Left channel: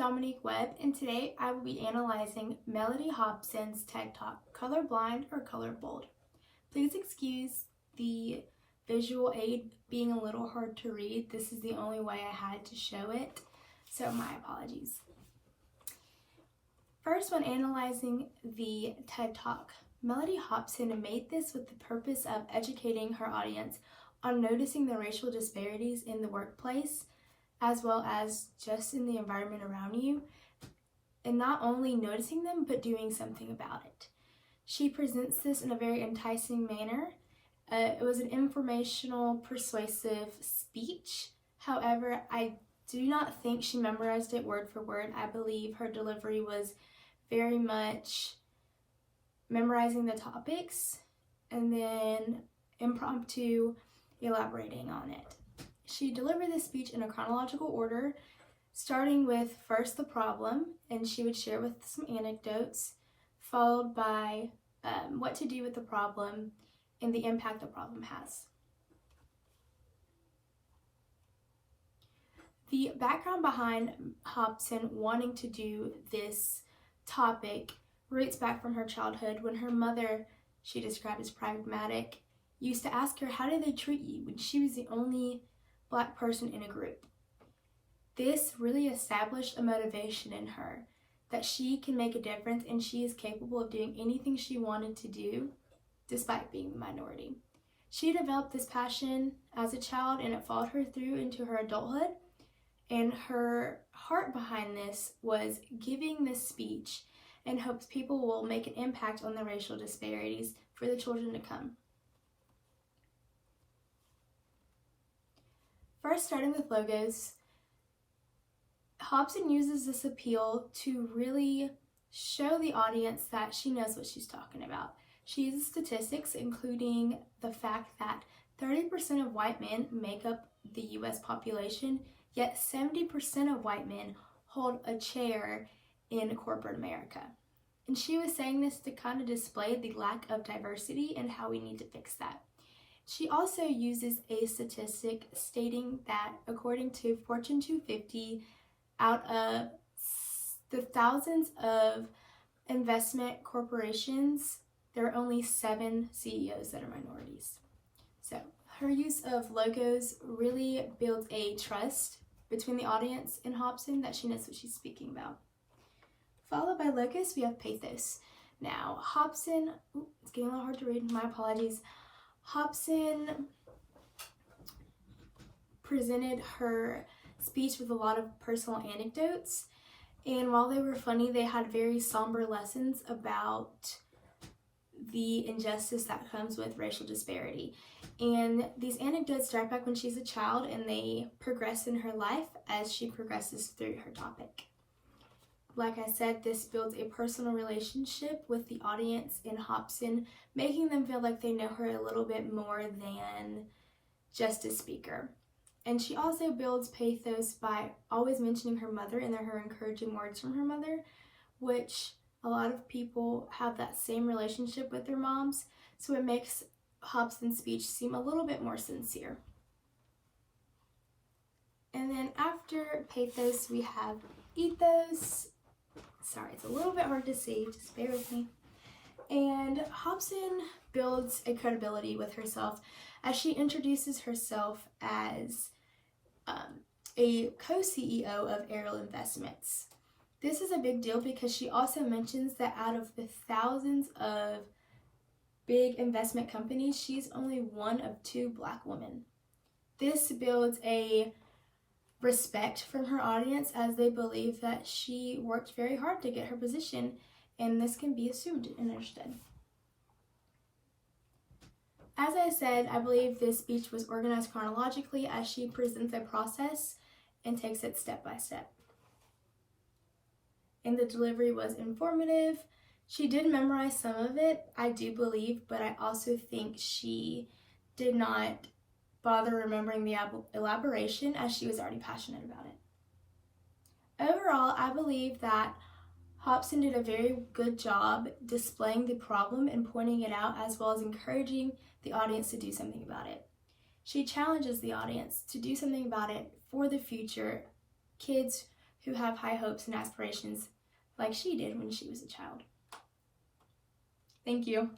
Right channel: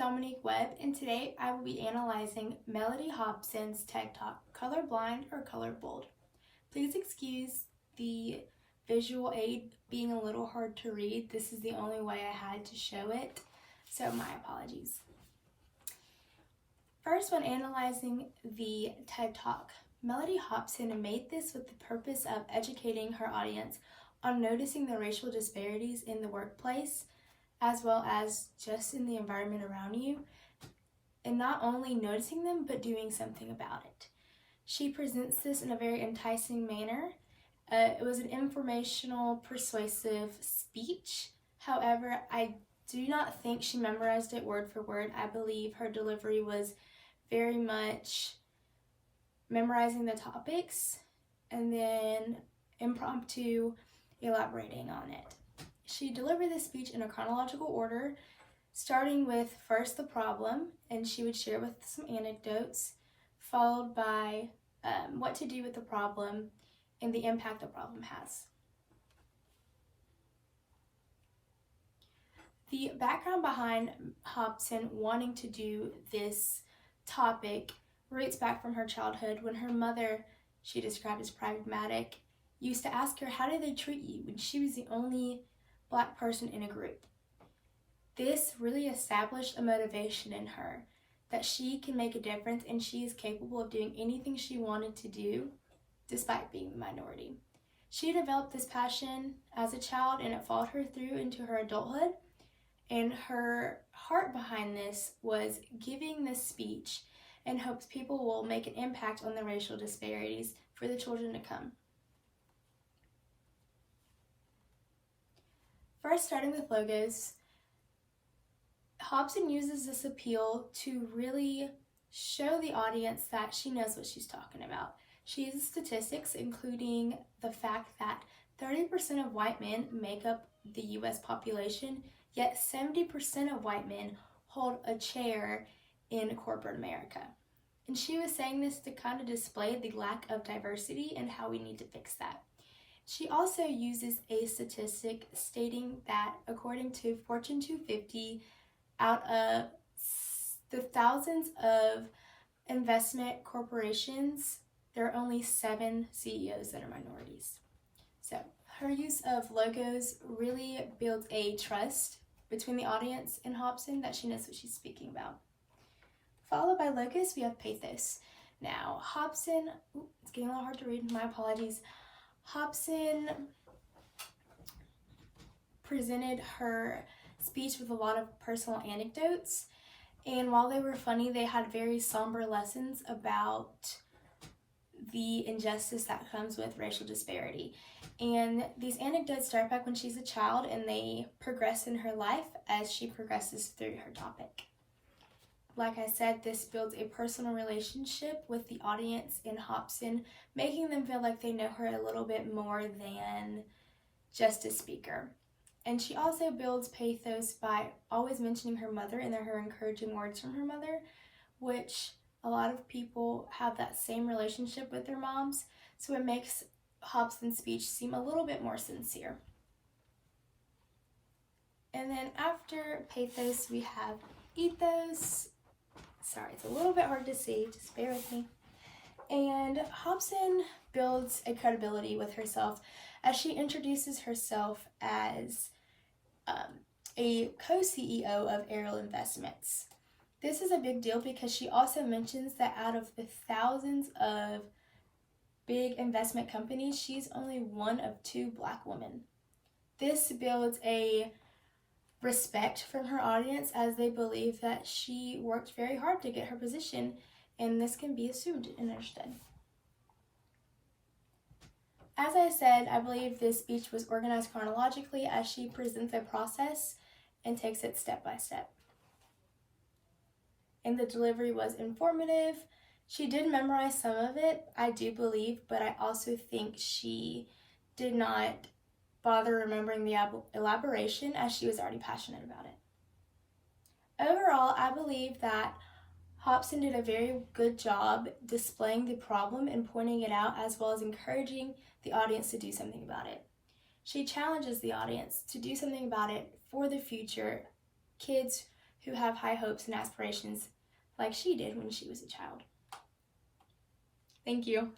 Dominique Webb, and today I will be analyzing Mellody Hobson's TED Talk, Colorblind or Colorbold. Please excuse the visual aid being a little hard to read. This is the only way I had to show it, so my apologies. First, when analyzing the TED Talk, Mellody Hobson made this with the purpose of educating her audience on noticing the racial disparities in the workplace, as well as just in the environment around you, and not only noticing them, but doing something about it. She presents this in a very enticing manner. It was an informational, persuasive speech. However, I do not think she memorized it word for word. I believe her delivery was very much memorizing the topics and then impromptu elaborating on it. She delivered this speech in a chronological order, starting with first the problem, and she would share with some anecdotes, followed by what to do with the problem and the impact the problem has. The background behind Hobson wanting to do this topic roots back from her childhood when her mother, she described as pragmatic, used to ask her how did they treat you when she was the only Black person in a group. This really established a motivation in her that she can make a difference and she is capable of doing anything she wanted to do despite being the minority. She developed this passion as a child and it followed her through into her adulthood, and her heart behind this was giving this speech in hopes people will make an impact on the racial disparities for the children to come. First, starting with logos, Hobson uses this appeal to really show the audience that she knows what she's talking about. She uses statistics, including the fact that 30% of white men make up the US population, yet 70% of white men hold a chair in corporate America. And she was saying this to kind of display the lack of diversity and how we need to fix that. She also uses a statistic stating that according to Fortune 250, out of the thousands of investment corporations, there are only 7 CEOs that are minorities. So her use of logos really builds a trust between the audience and Hobson that she knows what she's speaking about. Followed by logos, we have pathos. Now, Hobson, it's getting a little hard to read, my apologies. Hobson presented her speech with a lot of personal anecdotes, and while they were funny, they had very somber lessons about the injustice that comes with racial disparity. And these anecdotes start back when she's a child and they progress in her life as she progresses through her topic. Like I said, this builds a personal relationship with the audience in Hobson, making them feel like they know her a little bit more than just a speaker. And she also builds pathos by always mentioning her mother and her encouraging words from her mother, which a lot of people have that same relationship with their moms, so it makes Hobson's speech seem a little bit more sincere. And then after pathos, we have ethos. Sorry, it's a little bit hard to see, just bear with me. And Hobson builds a credibility with herself as she introduces herself as a co-CEO of Ariel Investments. This is a big deal because she also mentions that out of the thousands of big investment companies, she's only one of 2 Black women. This builds a respect from her audience as they believe that she worked very hard to get her position, and this can be assumed and understood. As I said, I believe this speech was organized chronologically as she presents a process and takes it step by step. And the delivery was informative. She did memorize some of it, I do believe, but I also think she did not bother remembering the elaboration as she was already passionate about it. Overall, I believe that Hobson did a very good job displaying the problem and pointing it out, as well as encouraging the audience to do something about it. She challenges the audience to do something about it for the future, kids who have high hopes and aspirations like she did when she was a child. Thank you.